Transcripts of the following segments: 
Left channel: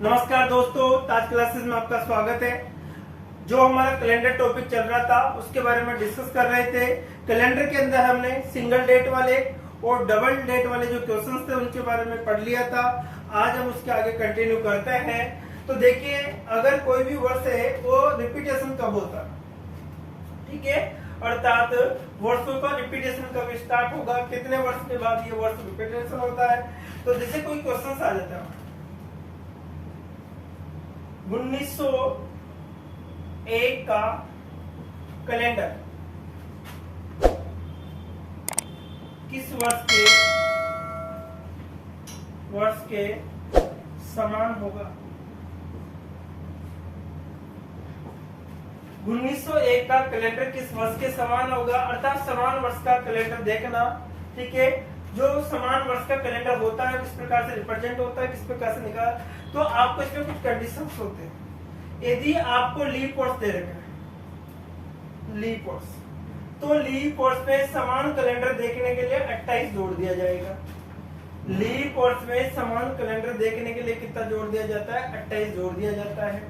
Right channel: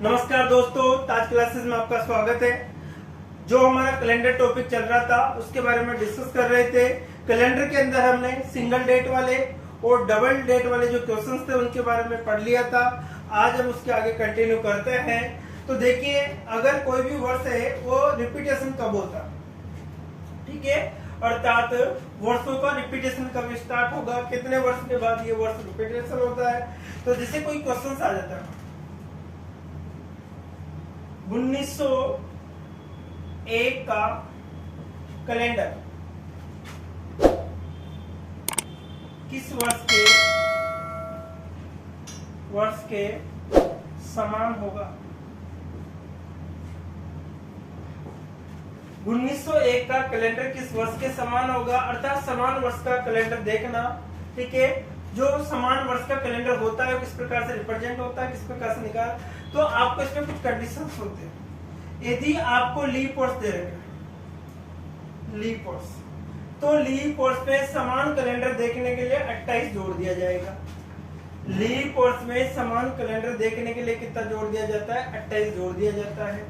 नमस्कार दोस्तों, ताज क्लासेस में आपका स्वागत है। जो हमारा कैलेंडर टॉपिक चल रहा था उसके बारे में डिस्कस कर रहे थे। कैलेंडर के अंदर हमने सिंगल डेट वाले और डबल डेट वाले जो क्वेश्चंस थे उनके बारे में पढ़ लिया था। आज हम उसके आगे कंटिन्यू करते हैं। तो देखिए, अगर कोई भी वर्ष है वो रिपीटेशन कब होता, ठीक है, अर्थात वर्षों का रिपीटेशन कब स्टार्ट होगा, कितने वर्ष के बाद ये वर्ष रिपीटेशन होता है। तो जैसे कोई क्वेश्चन आ जाता है 1901 का कैलेंडर किस वर्ष के समान होगा। 1901 का कैलेंडर किस वर्ष के समान होगा, अर्थात समान वर्ष का कैलेंडर देखना, ठीक है। जो समान वर्ष का कैलेंडर होता है किस प्रकार से रिप्रेजेंट होता है, किस प्रकार से निकाल, तो आपको इसमें कुछ कंडीशंस होते हैं। यदि आपको लीप वर्ष दे रखे लीप वर्ष, तो लीप वर्ष में समान कैलेंडर देखने के लिए 28 जोड़ दिया जाएगा। लीप वर्ष में समान कैलेंडर देखने के लिए कितना जोड़ दिया जाता है, 28 जोड़ दिया जाता है।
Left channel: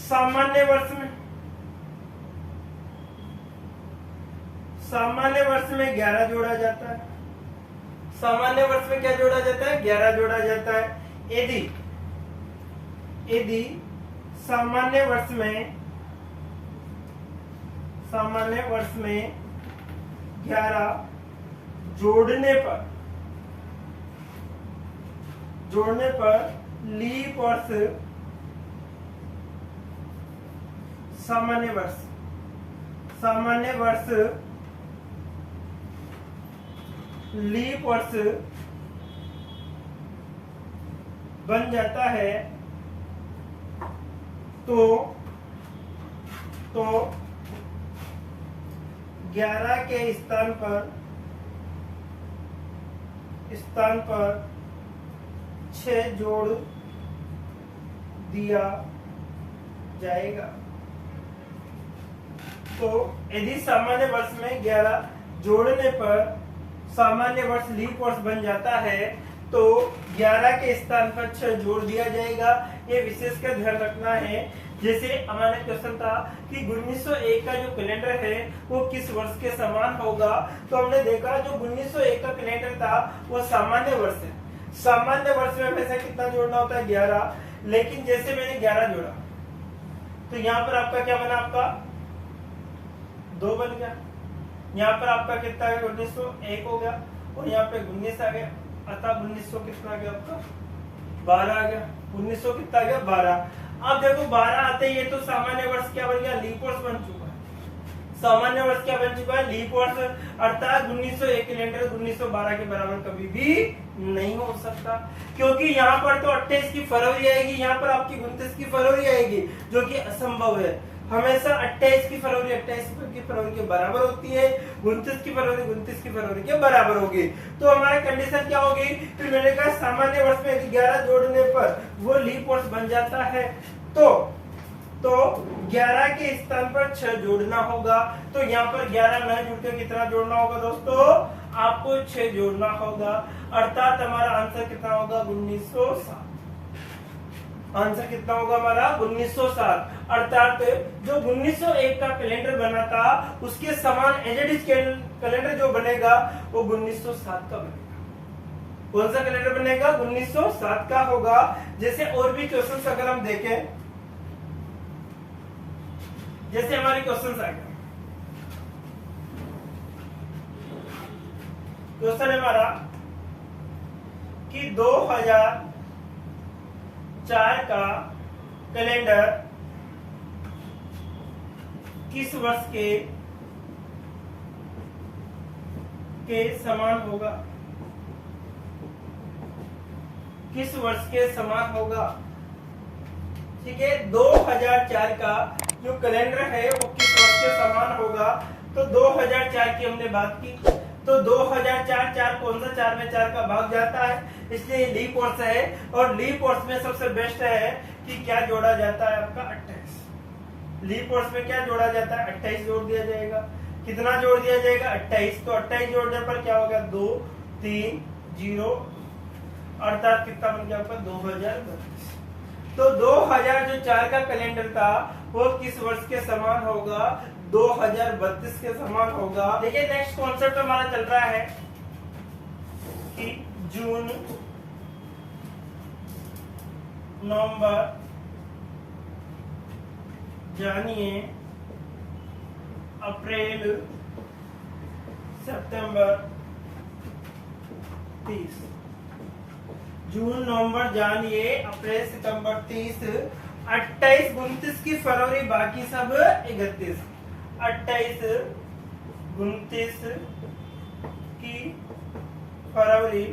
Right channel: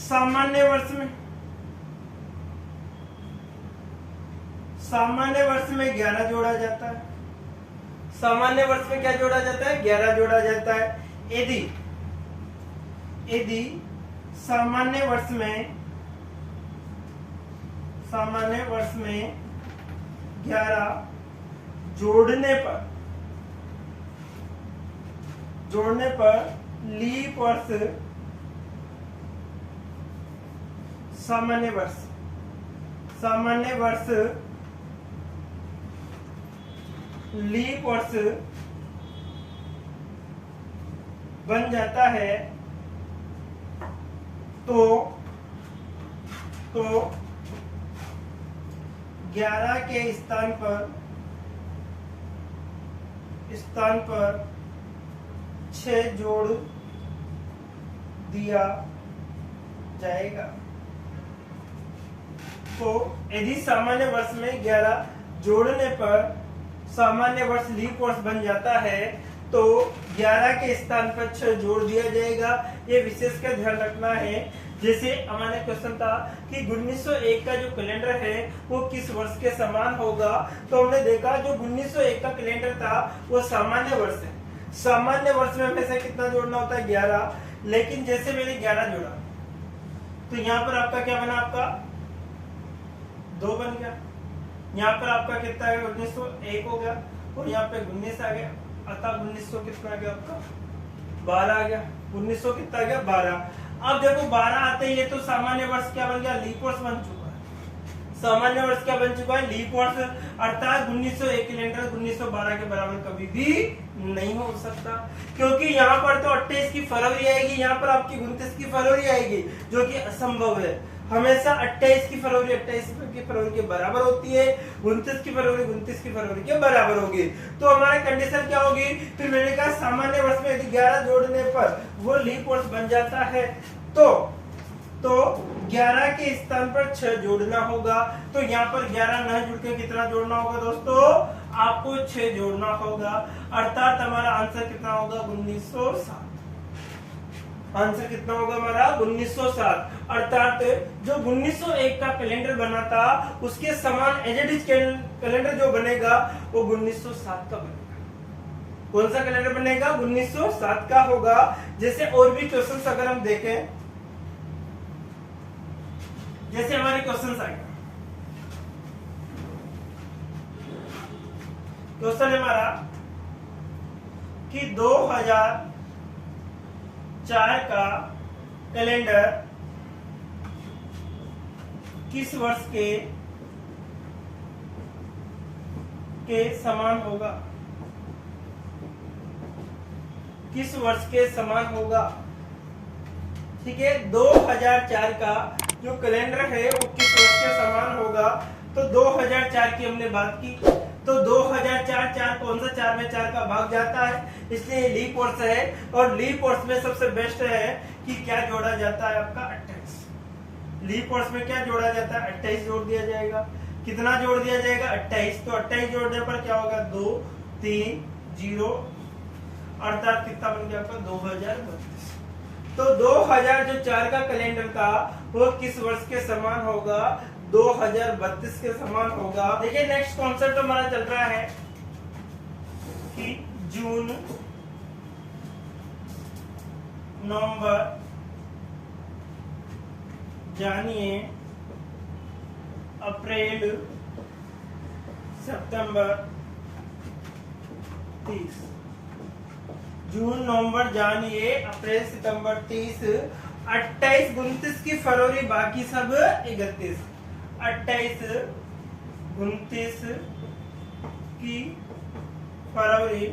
सामान्य वर्ष में 11 जोड़ा जाता है। सामान्य वर्ष में क्या जोड़ा जाता है, 11 जोड़ा जाता है। यदि सामान्य वर्ष में 11 जोड़ने पर लीप वर्ष सामान्य वर्ष लीप वर्ष बन जाता है, तो 11 के स्थान पर 6 जोड़ दिया जाएगा। तो यदि सामान्य वर्ष में 11 जोड़ने पर सामान्य वर्ष लीप वर्ष बन जाता है, तो 11 के स्थान पर 6 जोड़ दिया जाएगा। ये विशेष कर ध्यान रखना है। जैसे हमारे क्वेश्चन था कि 1901 का जो कैलेंडर है वो किस वर्ष के समान होगा, तो हमने देखा जो 1901 का कैलेंडर था वो सामान्य वर्ष है। सामान्य वर्ष में हमेशा कितना जोड़ना होता है, 11। लेकिन जैसे मैंने 11 जोड़ा तो यहाँ पर आपका क्या बना, आपका 2 बन गया। यहाँ पर आपका कितना है, 1901 हो गया, और यहाँ पे 19 आ गया, अर्थात 1900 कितना आ गया आपका, 12 आ गया। 1900 कितना आ गया, 12। अब देखो 12 आते ही तो सामान्य वर्ष क्या बन गया, लीप वर्ष बन चुका है। सामान्य वर्ष क्या बन चुका है, लीप वर्ष, अर्थात 1901 कैलेंडर 1912 के बराबर कभी भी नहीं हो सकता, क्योंकि यहाँ पर तो 28 की फरवरी आएगी, यहाँ पर आपकी 29 की फरवरी आएगी, जो कि असंभव है। हमेशा 28 की फरवरी के बराबर होती है, 29 की फरवरी के बराबर होगी। तो हमारी कंडीशन क्या होगी, फिर मैंने कहा सामान्य वर्ष में यदि 11 जोड़ने पर वो लीप वर्ष बन जाता है, तो 11 के स्थान पर 6 जोड़ना होगा। तो यहाँ पर 11 नहीं जुड़ के कितना जोड़ना होगा दोस्तों, आपको 6 जोड़ना होगा, अर्थात हमारा आंसर कितना होगा, 1907। आंसर कितना होगा हमारा, 1907। अर्थात जो 1901 का कैलेंडर बना था उसके समान एजेडिस कैलेंडर जो बनेगा वो 1907 का बनेगा। कौन सा कैलेंडर बनेगा, 1907 का होगा। जैसे और भी क्वेश्चंस अगर हम देखें, जैसे हमारे क्वेश्चंस आएंगे, क्वेश्चन है हमारा कि 2004 का कैलेंडर किस वर्ष के समान होगा, किस वर्ष के समान होगा, ठीक है। 2004 का जो कैलेंडर है वो किस वर्ष के समान होगा। तो 2004 की हमने बात की, तो 2004 कौन सा, 4 में 4 का भाग जाता है, इसलिए लीप वर्ष है। और लीप वर्ष में सबसे बेस्ट है कि क्या जोड़ा जाता है, आपका 28। लीप वर्ष में क्या जोड़ा जाता है, 28 जोड़ दिया जाएगा। कितना जोड़ दिया जाएगा, 28। तो 28 जोड़ने पर क्या होगा, 2 3 0, अर्थात कितना बन गया आपका 2032। तो 2004 का कैलेंडर था वो किस वर्ष के समान होगा? 2032 के समान होगा। देखिए नेक्स्ट कॉन्सेप्ट हमारा चल रहा है कि जून, नवंबर, जानिए, अप्रैल, सितंबर, 30। जून, नवंबर, जानिए, अप्रैल, सितंबर, 30, 28, 29 की फरवरी, बाकी सब 31। 28, 29 की फरवरी,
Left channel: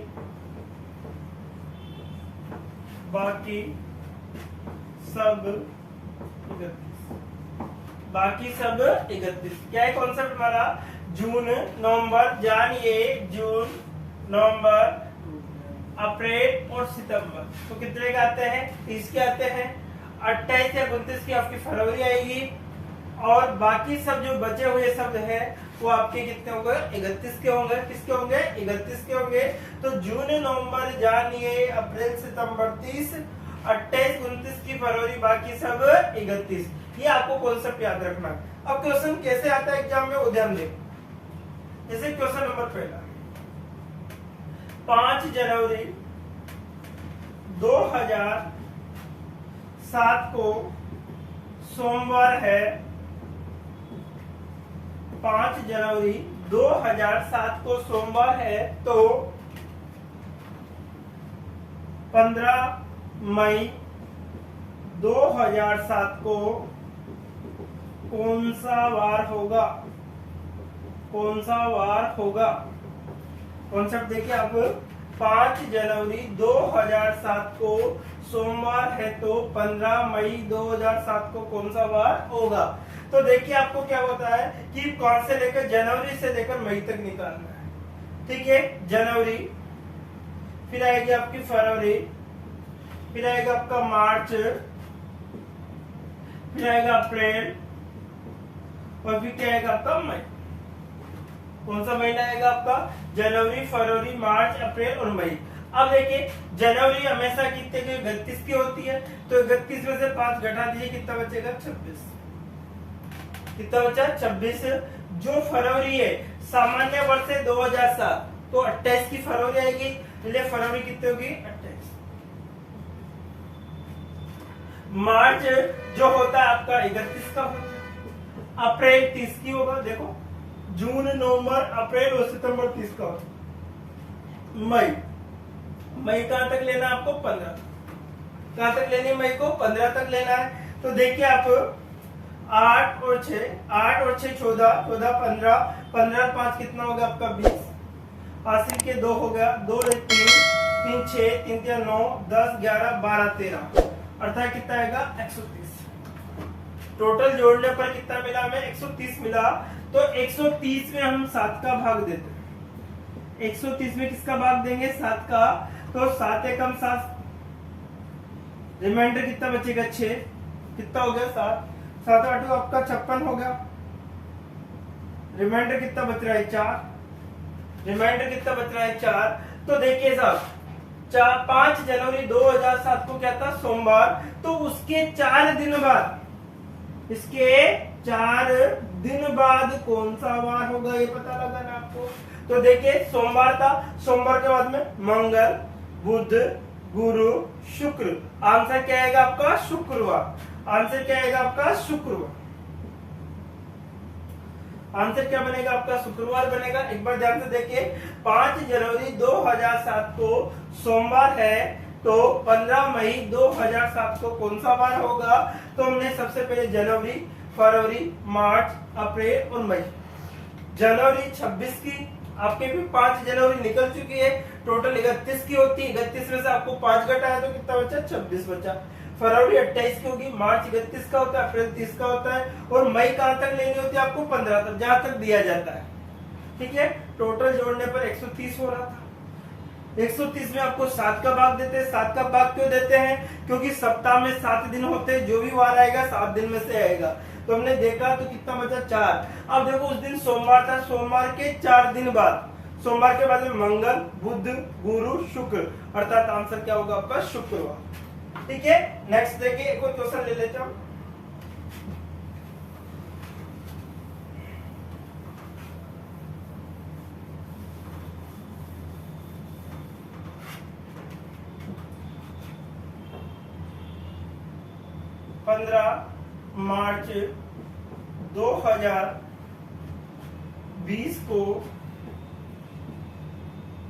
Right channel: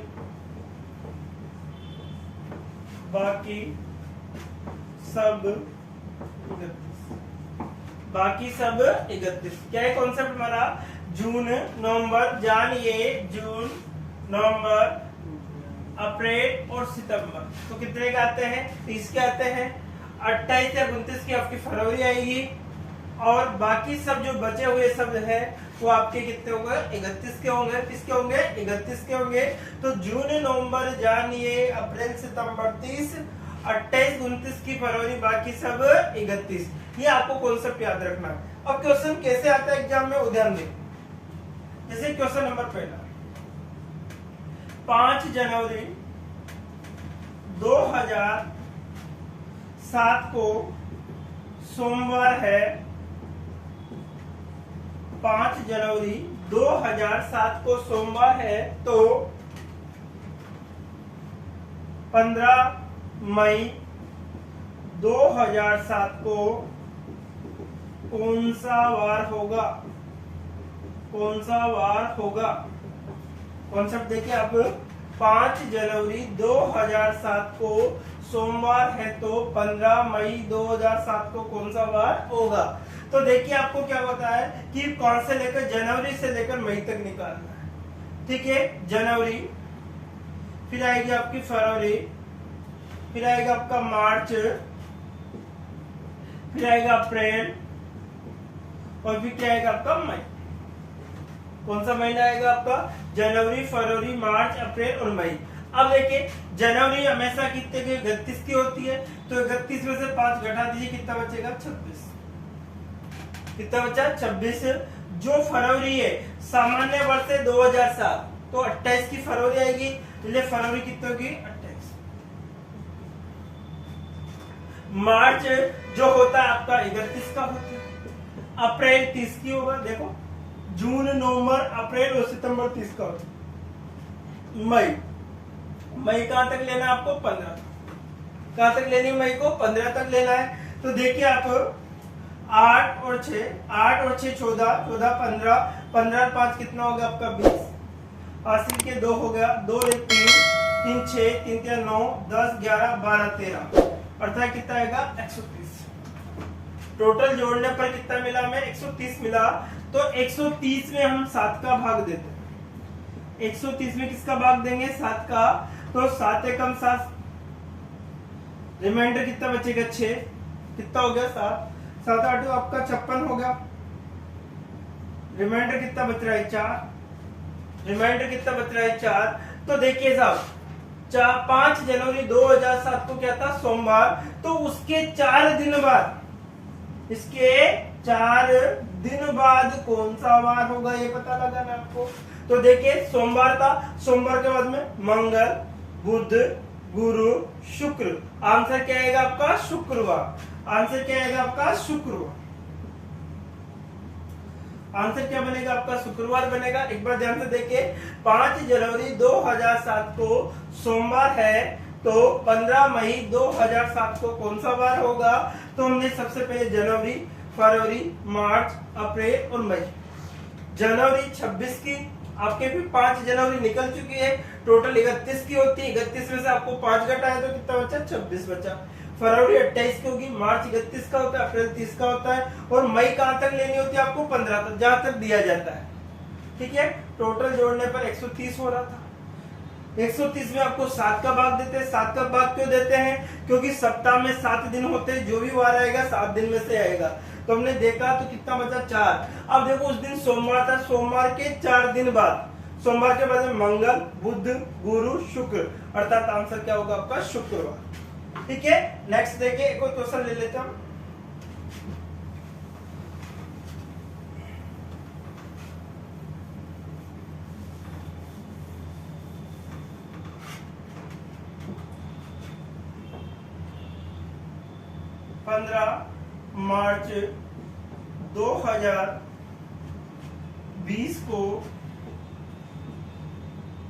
बाकी सब 31। बाकी सब 31। क्या है कॉन्सेप्ट हमारा? जून, नवंबर, जानिए, जून, नवंबर, अप्रैल और सितंबर। तो कितने का आते हैं? 30 के आते हैं। 28 या 29 की आपकी फरवरी आएगी और बाकी सब जो बचे हुए सब है वो आपके कितने होंगे? 31 के होंगे। किसके होंगे? 31 के होंगे। तो जून, नवंबर, जानिए, अप्रैल, सितंबर 30, 28, 29 की फरवरी, बाकी सब 31। ये आपको कॉन्सेप्ट याद रखना। अब क्वेश्चन कैसे आता है एग्जाम में वो ध्यान दें। जैसे क्वेश्चन नंबर पहला, 5 जनवरी 2007 को सोमवार है। 5 जनवरी 2007 को सोमवार है तो 15 मई 2007 को कौन सा वार होगा? कौन सा वार होगा? कॉन्सेप्ट देखिए आप, 5 जनवरी 2007 को सोमवार है तो 15 मई 2007 को कौन सा वार होगा? तो देखिए आपको क्या बताया है कि कौन से लेकर जनवरी से लेकर मई तक निकालना है। ठीक है, जनवरी, फिर आएगी आपकी फरवरी, फिर आएगा आपका मार्च, फिर आएगा अप्रैल और फिर क्या आएगा आपका मई। कौन सा महीना आएगा आपका? जनवरी, फरवरी, मार्च, अप्रैल और मई। अब देखिए जनवरी हमेशा कितने की? 31 की होती है। तो 31 में से 5 घटा दीजिए, कितना बचेगा? 26। कितना बचा? 26। जो फरवरी है सामान्य वर्ष है 2007 तो 28 की फरवरी आएगी। इसलिए फरवरी कितनी होगी? 28। मार्च जो होता है आपका 31 का होता है। अप्रैल 30 की होगा। देखो जून, नवंबर, अप्रैल और सितंबर 30 का होता है। मई, मई कहां तक लेना है आपको? 15। कहां तक लेनी है मई को? 15 तक लेना है। तो देखिए आप 8 और 6 14, 14 15, 15 और 5 कितना होगा आपका? 20। हासिल के 2 हो गया, 2 3 3 6 3 3 9 10 11 12 13, अर्थात कितना आएगा? 130। टोटल जोड़ने पर कितना मिला हमें? 130 मिला। तो 130 में हम 7 का भाग देते हैं। 130 में किसका भाग देंगे? 7 का। तो 7 एकम 7, रिमाइंडर कितना बचेगा? 6। कितना हो गया? 7। 7 8 आपका 56 हो गया। रिमाइंडर कितना बच रहा है? 4। रिमाइंडर कितना बच रहा है? 4। तो देखिए साहब 5 जनवरी 2007 को क्या था? सोमवार। तो उसके 4 दिन बाद, इसके 4 दिन बाद कौन सा वार होगा ये पता लगाना आपको। तो देखिए सोमवार था, सोमवार के बाद में मंगल, बुध, गुरु, शुक्र। आंसर क्या आएगा आपका? शुक्रवार। आंसर क्या आएगा आपका? शुक्रवार। आंसर क्या बनेगा आपका? शुक्रवार बनेगा। एक बार ध्यान से देखिए, 5 जनवरी 2007 को सोमवार है तो 15 मई 2007 को कौन सा वार होगा? तो हमने सबसे पहले जनवरी, फरवरी, मार्च, अप्रैल और मई। जनवरी 26 की आपके भी 5 जनवरी निकल चुकी है। टोटल 31 की होती है। 31 में से आपको 5 घटाया तो कितना बचा? 26 बचा। फरवरी 28 की होगी, मार्च 31 का होता है, अप्रैल 30 का होता है और मई कहां तक लेनी होती है आपको? 15 तक, जहां तक दिया जाता है। ठीक है, टोटल जोड़ने पर 130 हो रहा था। 130 में आपको 7 का भाग देते हैं। 7 का भाग क्यों देते हैं? क्योंकि सप्ताह में 7 दिन होते हैं, जो भी वार आएगा 7 दिन में से आएगा। तो हमने देखा तो कितना बचा? 4। अब देखो उस दिन सोमवार था, सोमवार के 4 दिन बाद, सोमवार के बाद में मंगल, बुध, गुरु, शुक्र, अर्थात आंसर क्या होगा आपका? शुक्रवार। ठीक है, नेक्स्ट देखिए एक और क्वेश्चन ले लेता हूं। मार्च 2020 को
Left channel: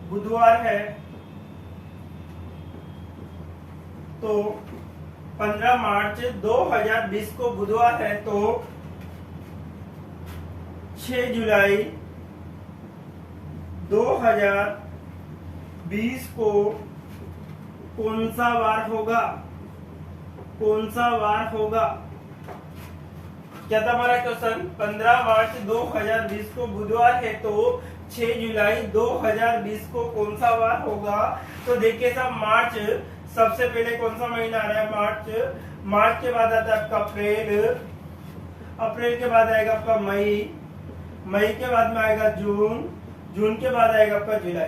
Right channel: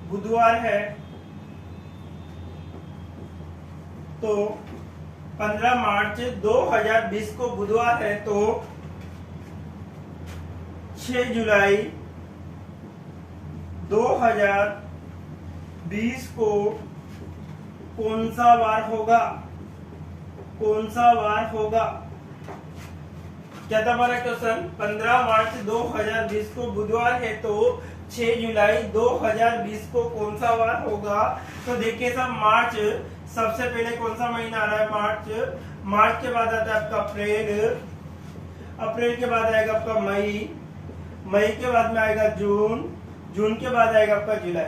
बुधवार है, तो 15 मार्च 2020 को बुधवार है, तो 6 जुलाई 2020 को कौन सा वार होगा? कौन सा वार होगा? क्या था हमारा क्वेश्चन? 15 मार्च 2020 को बुधवार है, तो 6 जुलाई 2020 को कौन सा वार होगा? तो देखिए साहब, मार्च सबसे पहले कौन सा महीना आ रहा है? मार्च के बाद आता है आपका अप्रैल के बाद आएगा आपका मई के बाद में आएगा जून के बाद आएगा आपका जुलाई।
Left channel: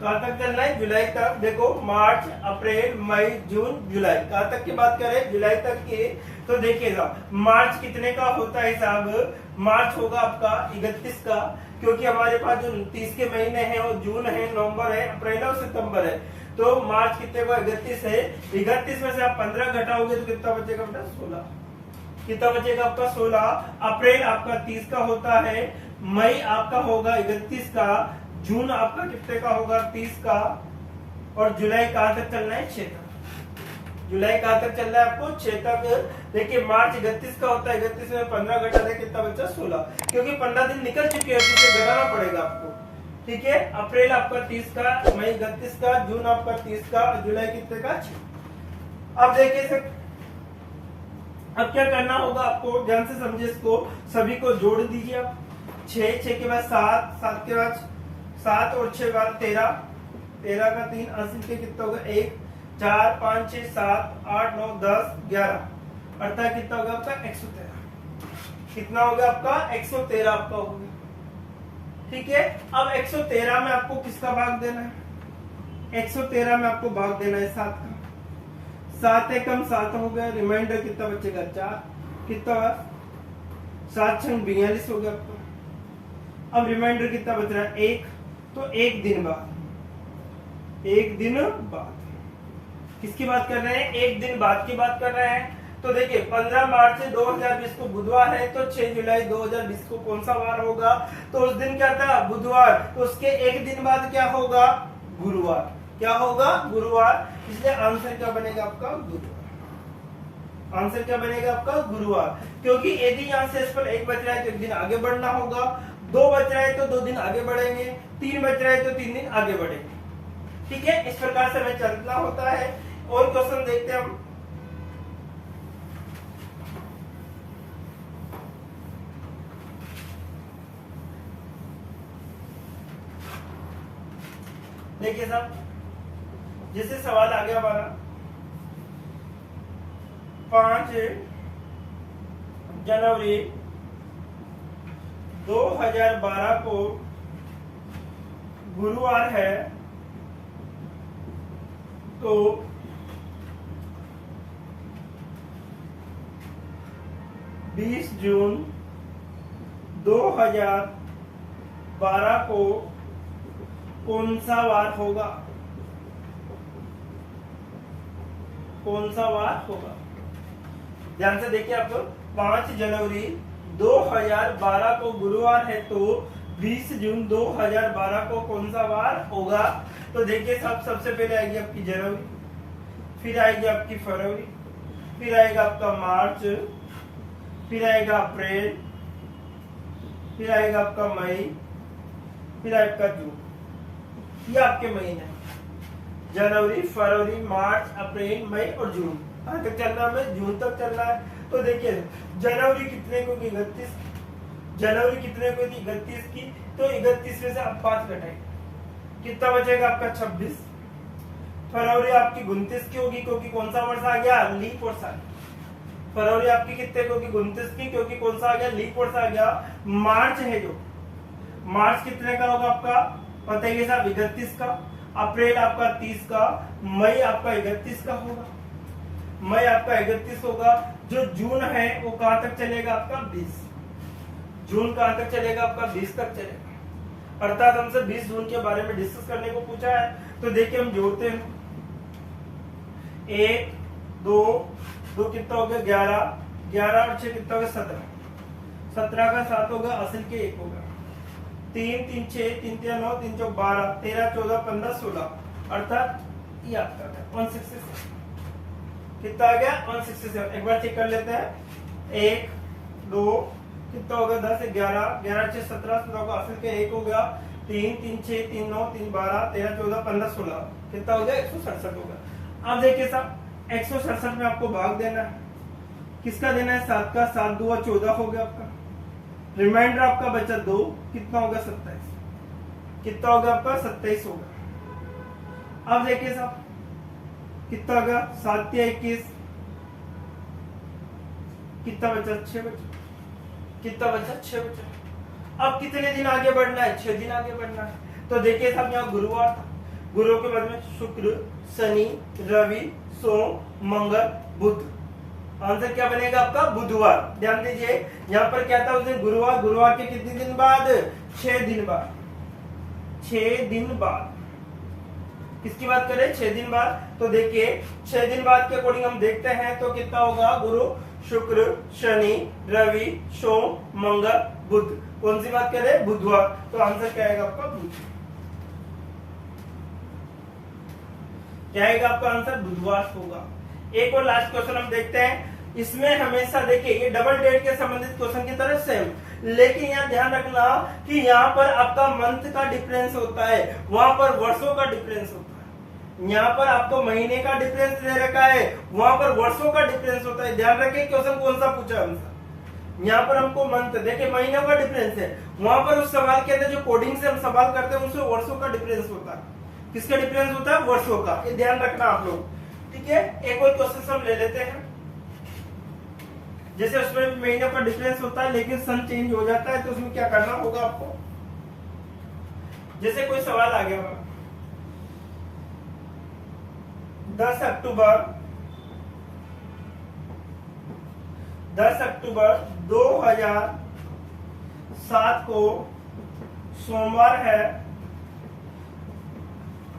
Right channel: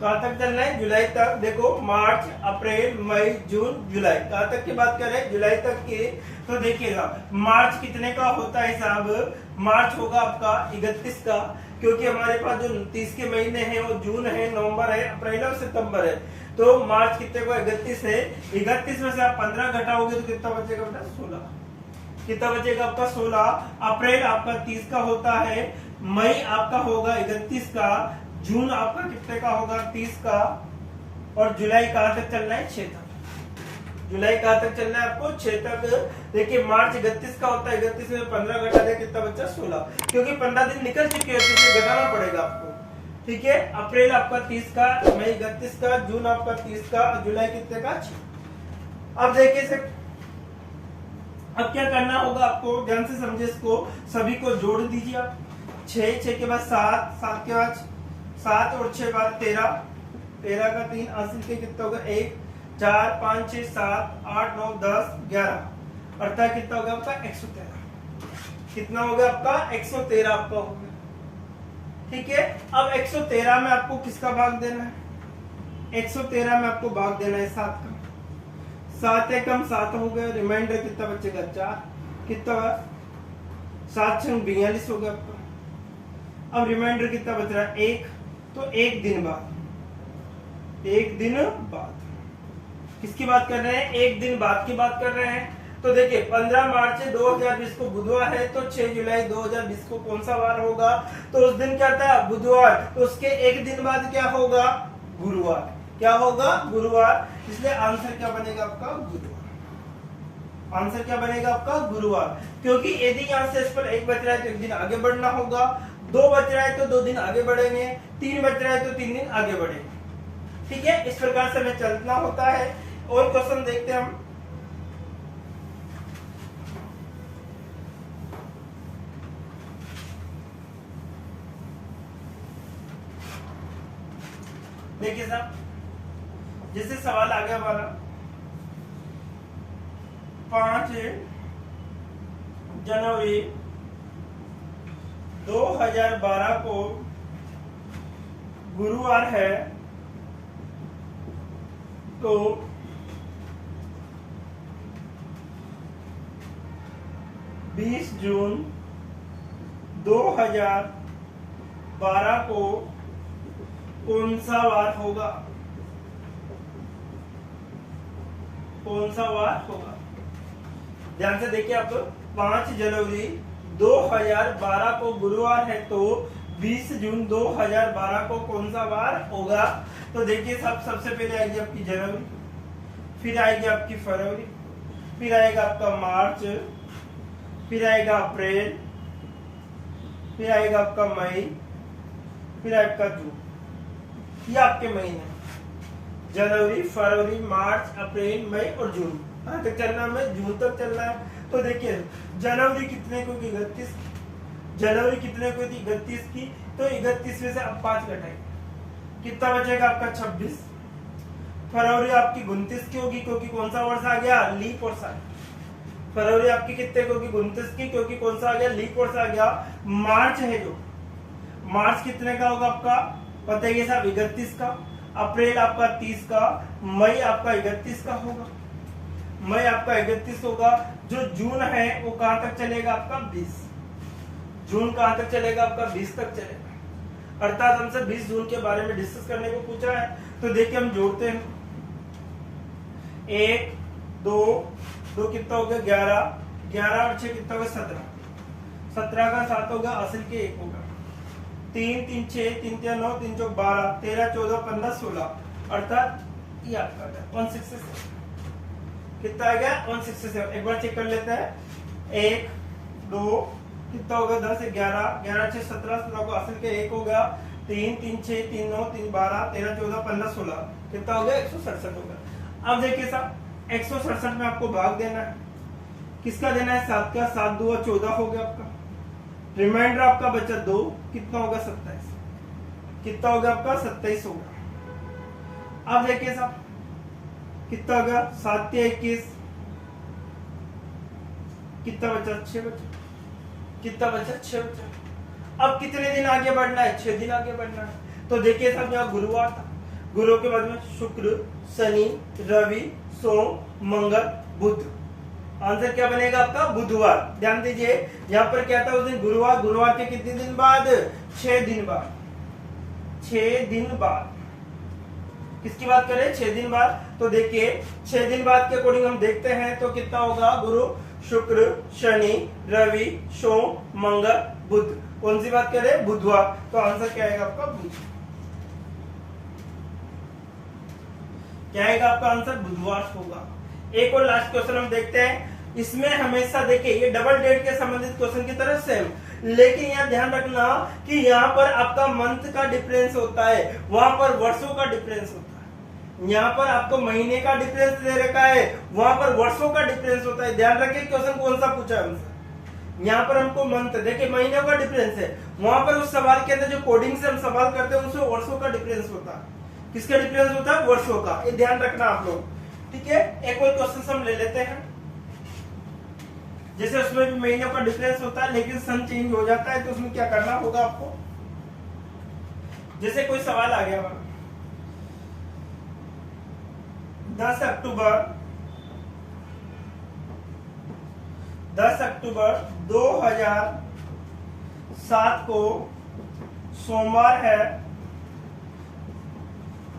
कहाँ तक चल रहा है? जुलाई तक। देखो, मार्च, अप्रैल, मई, जून, जुलाई, कहाँ तक की बात कर रहे हैं? जुलाई तक की। तो देखिएगा, मार्च कितने का होता है साहब? मार्च होगा आपका 31 का, क्योंकि हमारे पास जो 30 के महीने हैं वो जून है, नवंबर है, अप्रैल और सितंबर है। तो मार्च कितने को? 31 है। 31 में से आप 15 घटाओगे तो कितना बचेगा बेटा? 16। कितना बचेगा आपका? 16। अप्रैल आपका 30 का होता है, मई आपका होगा 31 का, जून आपका कितने का होगा? 30 का, और जुलाई कहाँ तक चलना है? 6 तक। जुलाई कहाँ तक चलना है आपको? 6 तक। देखिए, मार्च 31 का होता है, 31 में 15 घटा दे, कितना बचा? 16, क्योंकि 15 दिन निकल चुके हैं, तो घटाना पड़ेगा आपको। ठीक है, अप्रैल आपका 30 का, मई 31 का, जून आपका 30 का, जुलाई कितने का? 6। अब देखिए सर, अब क्या करना होगा आपको? ध्यान से समझे इसको, सभी को जोड़ दीजिए आप। 6 के बाद 7 के बाद 7 और 6 बाद 13 का 3 80 के कितना होगा? 1 4 5 6 7 8 9 10 11, अर्थात कितना होगा आपका? 113। कितना होगा आपका? 113 आपका होगा। ठीक है, अब 113 में आपको किसका भाग देना है? 113 में आपको भाग देना है 7 का। 7 एकम 7 हो गया, रिमाइंडर कितना बचेगा? 4। कितना? 7 छंग 42 हो गया आपका। अब रिमाइंडर कितना बच रहा है? 1। तो 1 दिन बाद किसकी बात कर रहे हैं? 1 दिन बाद की बात कर रहे हैं। तो देखिए, 15 मार्च 2020 को बुधवार है, तो 6 जुलाई 2020 को कौन सा वार होगा? तो उस दिन क्या था? बुधवार। तो उसके 1 दिन बाद क्या होगा? गुरुवार। क्या होगा? गुरुवार। इसलिए आंसर क्या बनेगा आपका? गुरुवार। आंसर क्या बनेगा आपका? गुरुवार। क्योंकि यदि यहाँ से इस पर 1 बच रहा है तो 1 दिन आगे बढ़ना होगा, 2 बच रहा है तो 2 दिन आगे बढ़ेंगे, 3 बच रहा है तो 3 दिन आगे बढ़ेंगे। ठीक है, इस प्रकार से हमें चलना होता है। और क्वेश्चन देखते हैं हम। देखिए साहब, जैसे सवाल आ गया हमारा 5 जनवरी 2012 को गुरुवार है, तो 20 जून 2012 को कौन सा वार होगा? कौन सा वार होगा? ध्यान से देखिए आप, 5 जनवरी 2012 को गुरुवार है, तो 20 जून 2012 को कौन सा वार होगा? तो देखिए साहब, सबसे पहले आएगी आपकी जनवरी, फिर आएगी आपकी फरवरी, फिर आएगा आपका मार्च, फिर आएगा अप्रैल, फिर आएगा आपका मई, फिर आपका जून। ये आपके महीने, जनवरी, फरवरी, मार्च, अप्रैल, मई और जून। कहाँ तक चलना है? जून तक चलना है। तो देखिए, जनवरी कितने को? 31। जनवरी कितने को थी? 31 की। तो 31 में से अब 5 घटाएंगे, कितना बचेगा आपका? 26। फरवरी आपकी 29 की होगी, क्योंकि कौन सा वर्ष आ गया? लीप वर्ष आ गया। फरवरी आपकी कितने को होगी? 29 की, क्योंकि कौन सा आ गया? लीप वर्ष आ गया। मार्च है जो, मार्च कितने का होगा आपका? पता ही है साहब, 31 का। अप्रैल आपका 30 का, मई आपका 31 का होगा, मई आपका 31 होगा। जो जून है वो कहां तक चलेगा आपका 20, जून कहां तक चलेगा आपका 20 तक चलेगा। अर्थात हमसे 20 जून के बारे में डिस्कस करने को पूछा है। तो देखिए हम जोड़ते हैं, 1 2 2 कितना हो गया 11, 11 और 6 कितना हो गया 17, 17 का 7 होगा, असल के 1 होगा, 3 3 6 3 3 9 3 4 12 13 14 15 16, अर्थात ये आपका था 167। कितना आ गया 167। एक बार चेक कर लेते हैं, 1 2 कितना हो गया 10 11 11 6 17 17 को असल के 1 हो गया, 3 3 6 3 9 3 12 13 14 15 16, कितना हो गया 167 हो गया। अब देखिए साहब 167 में आपको भाग देना है, किसका देना है 7 का, 7 2 14 हो गया आपका, रिमाइंडर आपका बचा 2, कितना होगा 27, कितना होगा आपका 27 होगा। अब देखिए साहब कितना होगा 7 या 21, कितना बचा 6 बचा, कितना बचा 6 बचा। अब कितने दिन आगे बढ़ना है 6 दिन आगे बढ़ना है। तो देखिए साहब यहाँ गुरुवार था, गुरु के बाद में शुक्र शनि रवि सोम मंगल बुध, आंसर क्या बनेगा आपका बुधवार। ध्यान दीजिए यहाँ पर क्या था उस दिन गुरुवार, गुरुवार के कितने दिन बाद 6 दिन बाद, 6 दिन बाद, किसकी बात करें 6 दिन बाद। तो देखिए 6 दिन बाद के अकॉर्डिंग हम देखते हैं तो कितना होगा, गुरु शुक्र शनि रवि सोम मंगल बुध, कौन सी बात करें बुधवार। तो आंसर क्या आएगा आपका बुध, क्या आएगा आपका आंसर बुधवार होगा। एक और लास्ट क्वेश्चन हम देखते हैं, इसमें हमेशा देखिए ये डबल डेट के संबंधित क्वेश्चन की तरह सेम, लेकिन यहाँ ध्यान रखना कि यहाँ पर आपका मंथ का डिफरेंस होता है, वहां पर वर्षों का डिफरेंस होता है। यहाँ पर आपको महीने का डिफरेंस दे रखा है, वहां पर वर्षों का डिफरेंस होता है। ध्यान रखिए क्वेश्चन कौन सा पूछा हमसे, यहाँ पर हमको मंथ देखिए महीनों का डिफरेंस है, वहां पर उस सवाल के अंदर जो कोडिंग से हम सवाल करते हैं उसमें वर्षों का डिफरेंस होता है। किसका डिफरेंस होता है वर्षों का, ये ध्यान रखना आप लोग, ठीक है। एक और क्वेश्चन हम ले लेते हैं, जैसे उसमें भी महीनों का डिफरेंस होता है लेकिन सन चेंज हो जाता है, तो उसमें क्या करना होगा आपको। जैसे कोई सवाल आ गया 10 अक्टूबर 2007 को सोमवार है,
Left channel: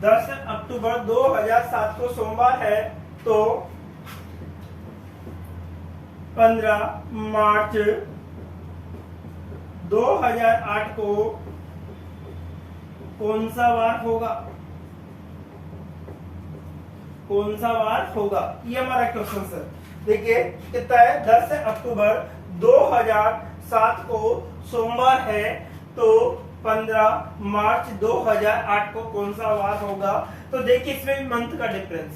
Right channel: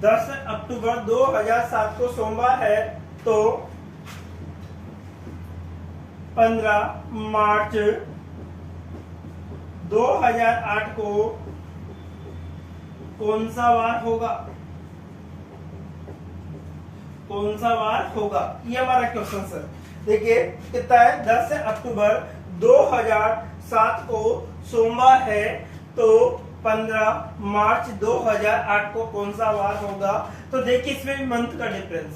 10 अक्टूबर 2007 को सोमवार है, तो 15 मार्च 2008 को कौन सा वार होगा, कौन सा वार होगा, ये हमारा क्वेश्चन सर। देखिए कितना है 10 अक्टूबर 2007 को सोमवार है, तो 15 मार्च 2008 को कौन सा वार होगा। तो देखिए इसमें भी मंथ का डिफरेंस है,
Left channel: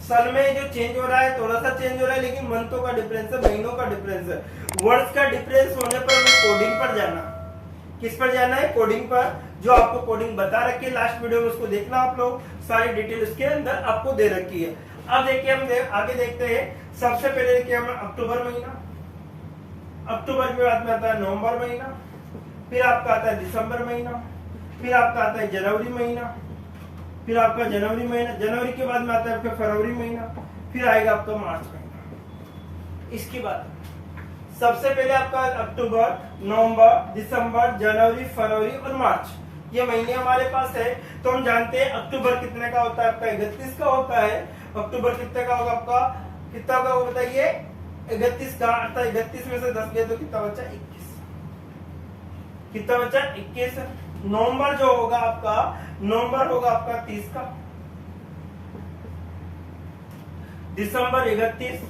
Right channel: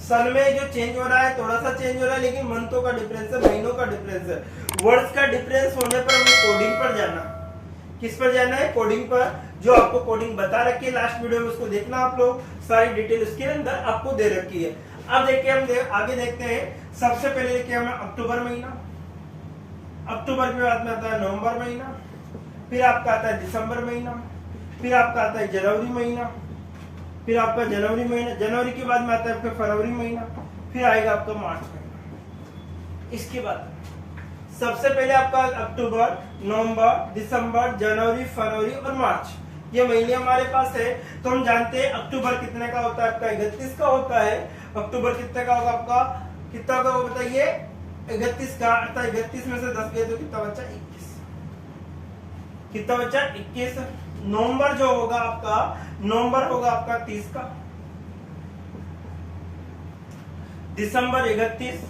सन में जो चेंज हो रहा है थोड़ा सा चेंज हो रहा है, लेकिन मंथों का डिफरेंस है, महीनों का डिफरेंस है। वर्ड्स का डिफरेंस होने पर हमें कोडिंग पर जाना, किस पर जाना है कोडिंग पर, जो आपको कोडिंग बता रखी है लास्ट वीडियो में, उसको देखना आप लोग, सारी डिटेल इसके अंदर आपको दे रखी है। अब देखिए हम आगे देखते हैं। सबसे पहले देखिए हमें अक्टूबर महीना, अक्टूबर के बाद में आता है नवंबर महीना, फिर आपका आता है दिसंबर महीना, फिर आपका आता है जनवरी महीना, फिर आपका जनवरी महीना, जनवरी के बाद में आता है आपका फरवरी महीना, फिर आएगा आपका मार्च महीना। इसके बाद सबसे पहले आपका अक्टूबर नवंबर दिसंबर जनवरी फरवरी और मार्च, ये महीने हमारे पास है। तो हम जानते हैं अक्टूबर कितने का होता है आपका 31 का होता है। अक्टूबर कितने का होगा आपका, कितना होगा वो बताइए 31 का, अर्थात 31 में से 10 गए तो कितना बचा 21, कितना बचा 21। नवंबर जो होगा आपका, नवंबर होगा आपका 30 का, दिसंबर 31,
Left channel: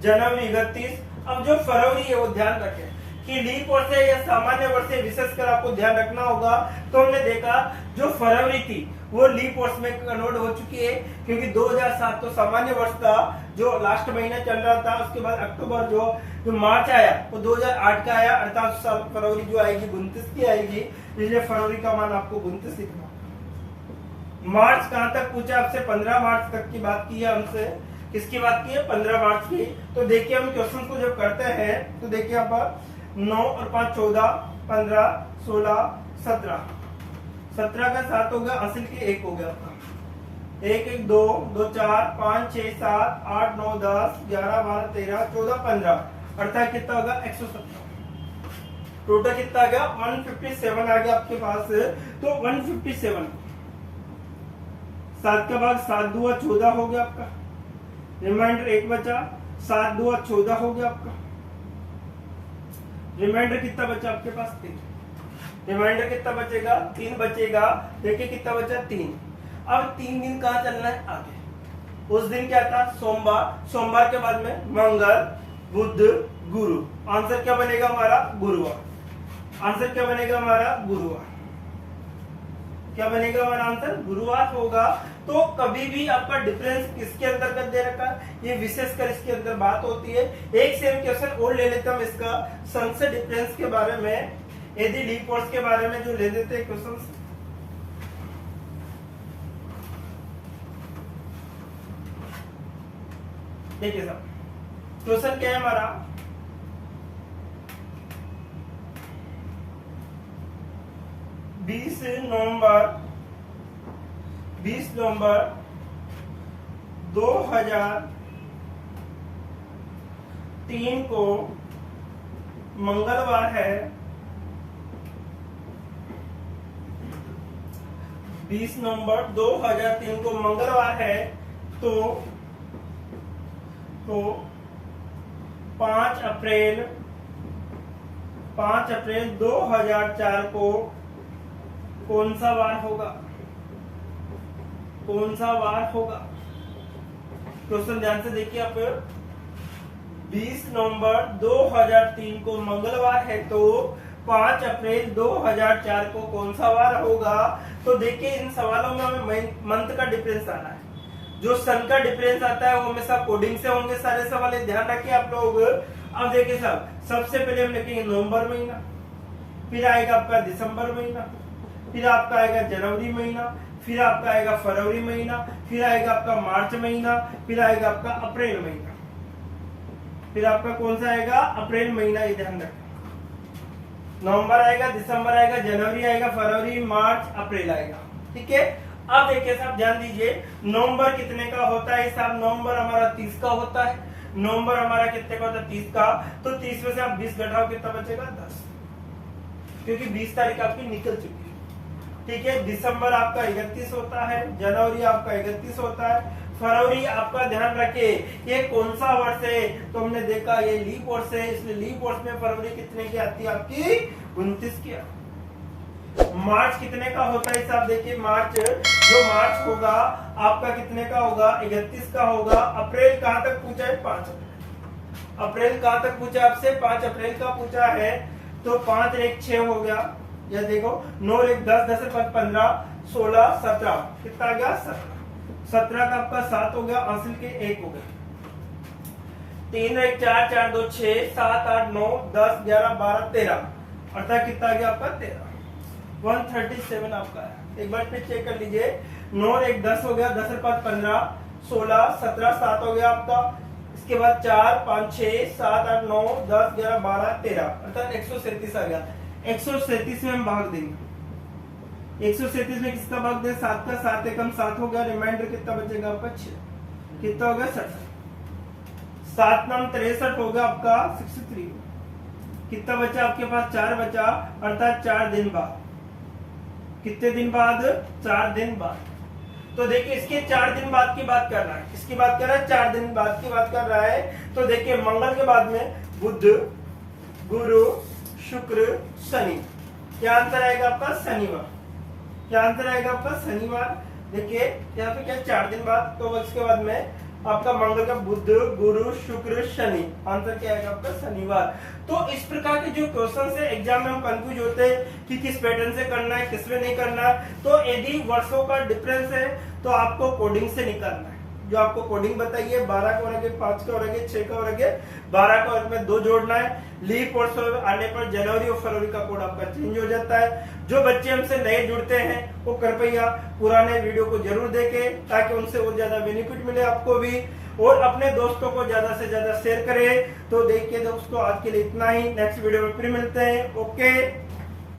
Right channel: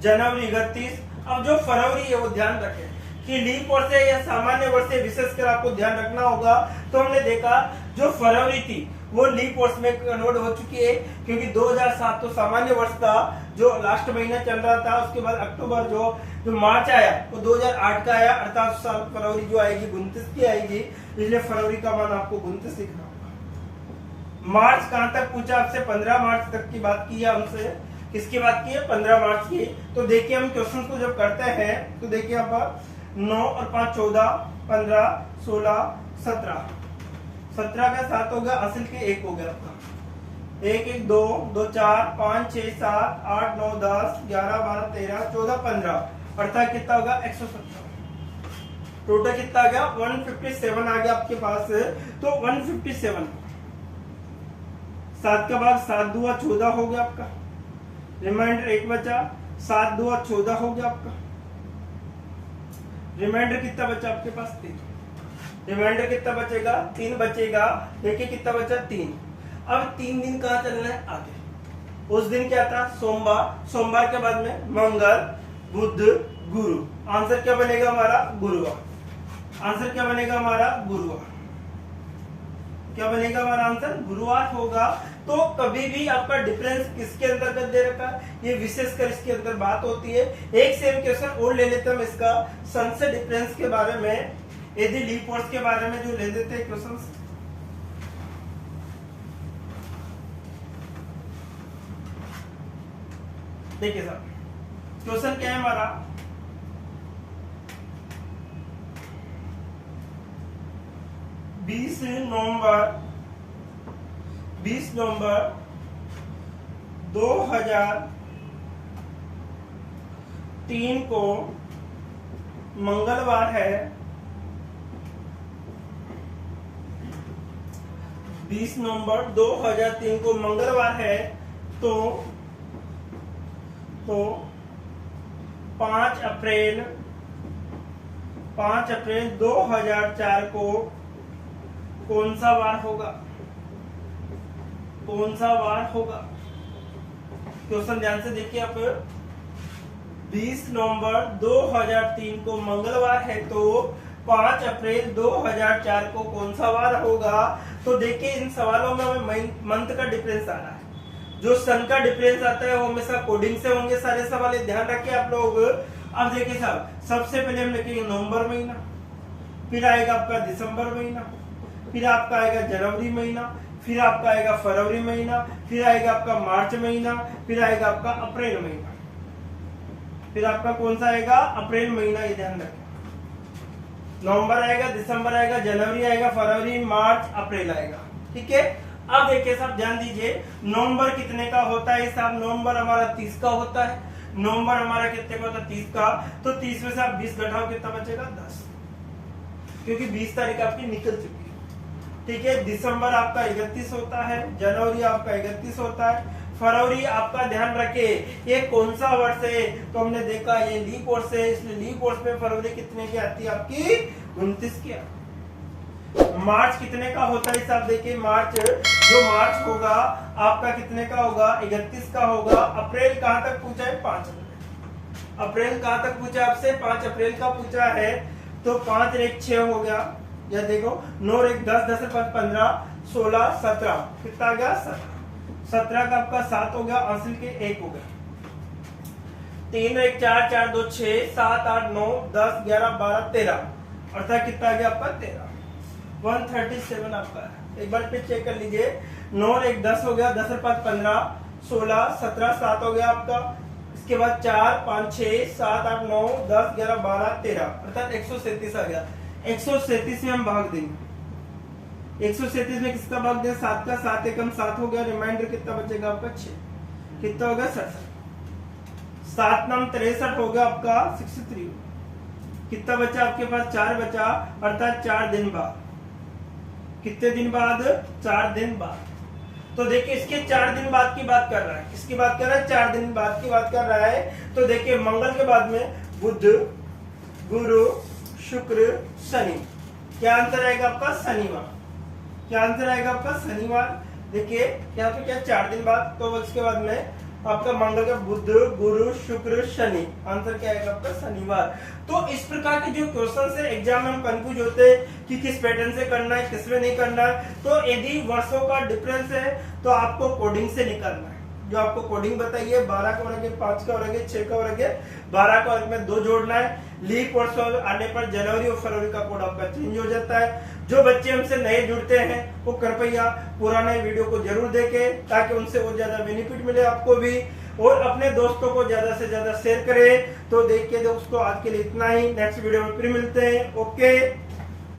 जनवरी 31। अब जो फरवरी है वो ध्यान रखें कि लीप वर्ष है या सामान्य वर्ष है, विशेषकर आपको ध्यान रखना होगा। तो हमने देखा जो फरवरी थी वो लीप वर्ष में कन्वर्ट हो चुकी है, क्योंकि 2007 तो सामान्य वर्ष था जो लास्ट महीना चल रहा था। उसके बाद अक्टूबर जो मार्च आया वो 2008 का आया, अर्थात साल फरवरी जो आएगी 29 की आएगी, इसलिए फरवरी का मान आपको 29 लिखना होगा। मार्च कहां तक पूछा आपसे, 15 मार्च तक की बात की है हमसे, किसकी बात की है 15 मार्च की। तो देखिए हम क्वेश्चन को जब करते हैं तो देखिए आप 9 और 5 14 15 16 17 17 का 7 हो गया, हासिल के 1 हो गया आपका। 1 1 2 2 4 5 6 7 8 9 10 11 12 13 14 15 अर्थात कितना होगा 117। टोटल कितना आ गया 157 आ गया आपके पास। तो 157 7 का भाग 7 दूआ 14 हो गया आपका, रिमाइंडर 1 बचा, 7 दूआ 14 हो गया आपका। रिमाइंडर कितना बचा आपके पास 3, रिमाइंडर कितना बचेगा 3 बचेगा। देखिए कितना बचा 3। अब 3 दिन कहाँ चलना है आगे। उस दिन क्या था सोमवार, सोमवार के बाद में मंगल बुध गुरु, आंसर क्या बनेगा हमारा गुरुवार। आंसर क्या बनेगा हमारा गुरुवार। क्या बनेगा हमारा आंसर गुरुवार होगा। तो कभी भी आपका डिफरेंस किसके अंतर्गत दे रखा है, ये विशेषकर इसके अंदर बात होती है। एक सेम क्वेश्चन और ले लेते हम इसका सन से डिफरेंस के बारे में, यदि लीप वर्ष के बारे में जो ले लेते हैं क्वेश्चन। देखिए साहब क्वेश्चन क्या है हमारा, बीस नवंबर 2003 को मंगलवार है। 20 नवंबर 2003 को मंगलवार है। तो 5 अप्रैल 2004 को कौन सा वार होगा, कौन सा वार होगा। क्वेश्चन ध्यान से देखिए आप। 20 नवंबर 2003 को मंगलवार है, तो 5 अप्रैल 2004 को कौन सा वार होगा। तो देखिए इन सवालों में हमें मंथ का डिफरेंस आ रहा है। जो सन का डिफरेंस आता है वो हमेशा कोडिंग से होंगे सारे सवाल, ध्यान रखिए आप लोग। अब देखिए साहब सबसे पहले हम लिखेंगे नवंबर महीना, फिर आएगा आपका दिसंबर महीना, फिर आपका आएगा जनवरी महीना, फिर आपका आएगा फरवरी महीना, फिर आएगा आपका मार्च महीना, फिर आएगा आपका अप्रैल महीना, फिर आपका कौन सा आएगा अप्रैल महीना। ये ध्यान रखें नवंबर आएगा, दिसंबर आएगा, जनवरी आएगा, फरवरी मार्च अप्रैल आएगा। ठीक है। अब देखिए साहब ध्यान दीजिए नवंबर कितने का होता है साहब, नवंबर हमारा 30 का होता है। नवंबर हमारा कितने का होता है 30 का। तो 30 में से आप 20 घटाओ कितना बचेगा 10, क्योंकि 20 तारीख आपकी निकल चुकी है। ठीक है। दिसंबर आपका 31 होता है, जनवरी आपका 31 होता है, फरवरी आपका ध्यान रखे ये कौन सा वर्ष है, तो हमने देखा ये लीप वर्ष है, इसलिए लीप वर्ष में फरवरी कितने की आती है आपकी 29 की। मार्च कितने का होता है साहब, देखिए मार्च जो मार्च होगा आपका कितने का होगा 31 का होगा। अप्रैल कहां तक पूछा है 5 अप्रैल। अप्रैल कहां तक पूछा आपसे 5 अप्रैल का पूछा है। तो 5 एक 6 हो गया, या देखो 9 एक 10 10 5 15 16 17 कितना आ गया 17 का आपका 7 हो गया, हासिल के 1 हो गया। 3 एक 4 4 2 6 7 8 9 10 11 12 13 अर्थात कितना आ गया आपका 13। 137 आपका है। एक बार फिर चेक कर लीजिए। 9 एक 10 हो गया, 10 5 15 16 17 7 हो गया आपका। इसके बाद 4 5 6 7 8 9 10 11 12 13 अर्थात 137 आ गया। 137 में हम भाग देंगे। 137 में किसका भाग दें 7 का, 7 एकम 7 हो गया। रिमाइंडर कितना बचेगा आपका 6, कितना होगा 67। 7 9 63 हो गया आपका 63। कितना बचा आपके पास 4 बचा, अर्थात 4 दिन बाद। कितने दिन बाद 4 दिन बाद। तो देखिए इसके 4 दिन बाद की बात कर रहा है, किसकी बात कर रहा है 4 दिन बाद की बात कर रहा है। तो देखिए मंगल के बाद में बुध गुरु शुक्र शनि, क्या आंसर आएगा आपका शनिवार। क्या आंसर आएगा आपका शनिवार। देखिए यहाँ पे क्या 4 दिन बाद, तो उसके बाद में आपका मंगल का बुध गुरु शुक्र शनि, आंसर क्या आएगा आपका शनिवार। तो इस प्रकार के जो क्वेश्चन है एग्जाम में हम कंफ्यूज होते हैं कि किस पैटर्न से करना है किसमें नहीं करना है। तो यदि वर्षों का डिफरेंस है तो आपको कोडिंग से निकालना है। जो आपको कोडिंग बताइए 12 का वर्ग है, 5 का वर्ग है, 6 का वर्ग है, 12 का वर्ग में 2 जोड़ना है। लीप वर्ष आने पर जनवरी और फरवरी का कोड आपका चेंज हो जाता है। जो बच्चे हमसे नए जुड़ते हैं वो कृपया पुराने वीडियो को जरूर देखें ताकि उनसे और ज्यादा बेनिफिट मिले आपको भी, और अपने दोस्तों को ज्यादा से ज्यादा शेयर करें। तो देखिए दोस्तों आज के लिए इतना ही, नेक्स्ट वीडियो में फिर मिलते हैं। ओके।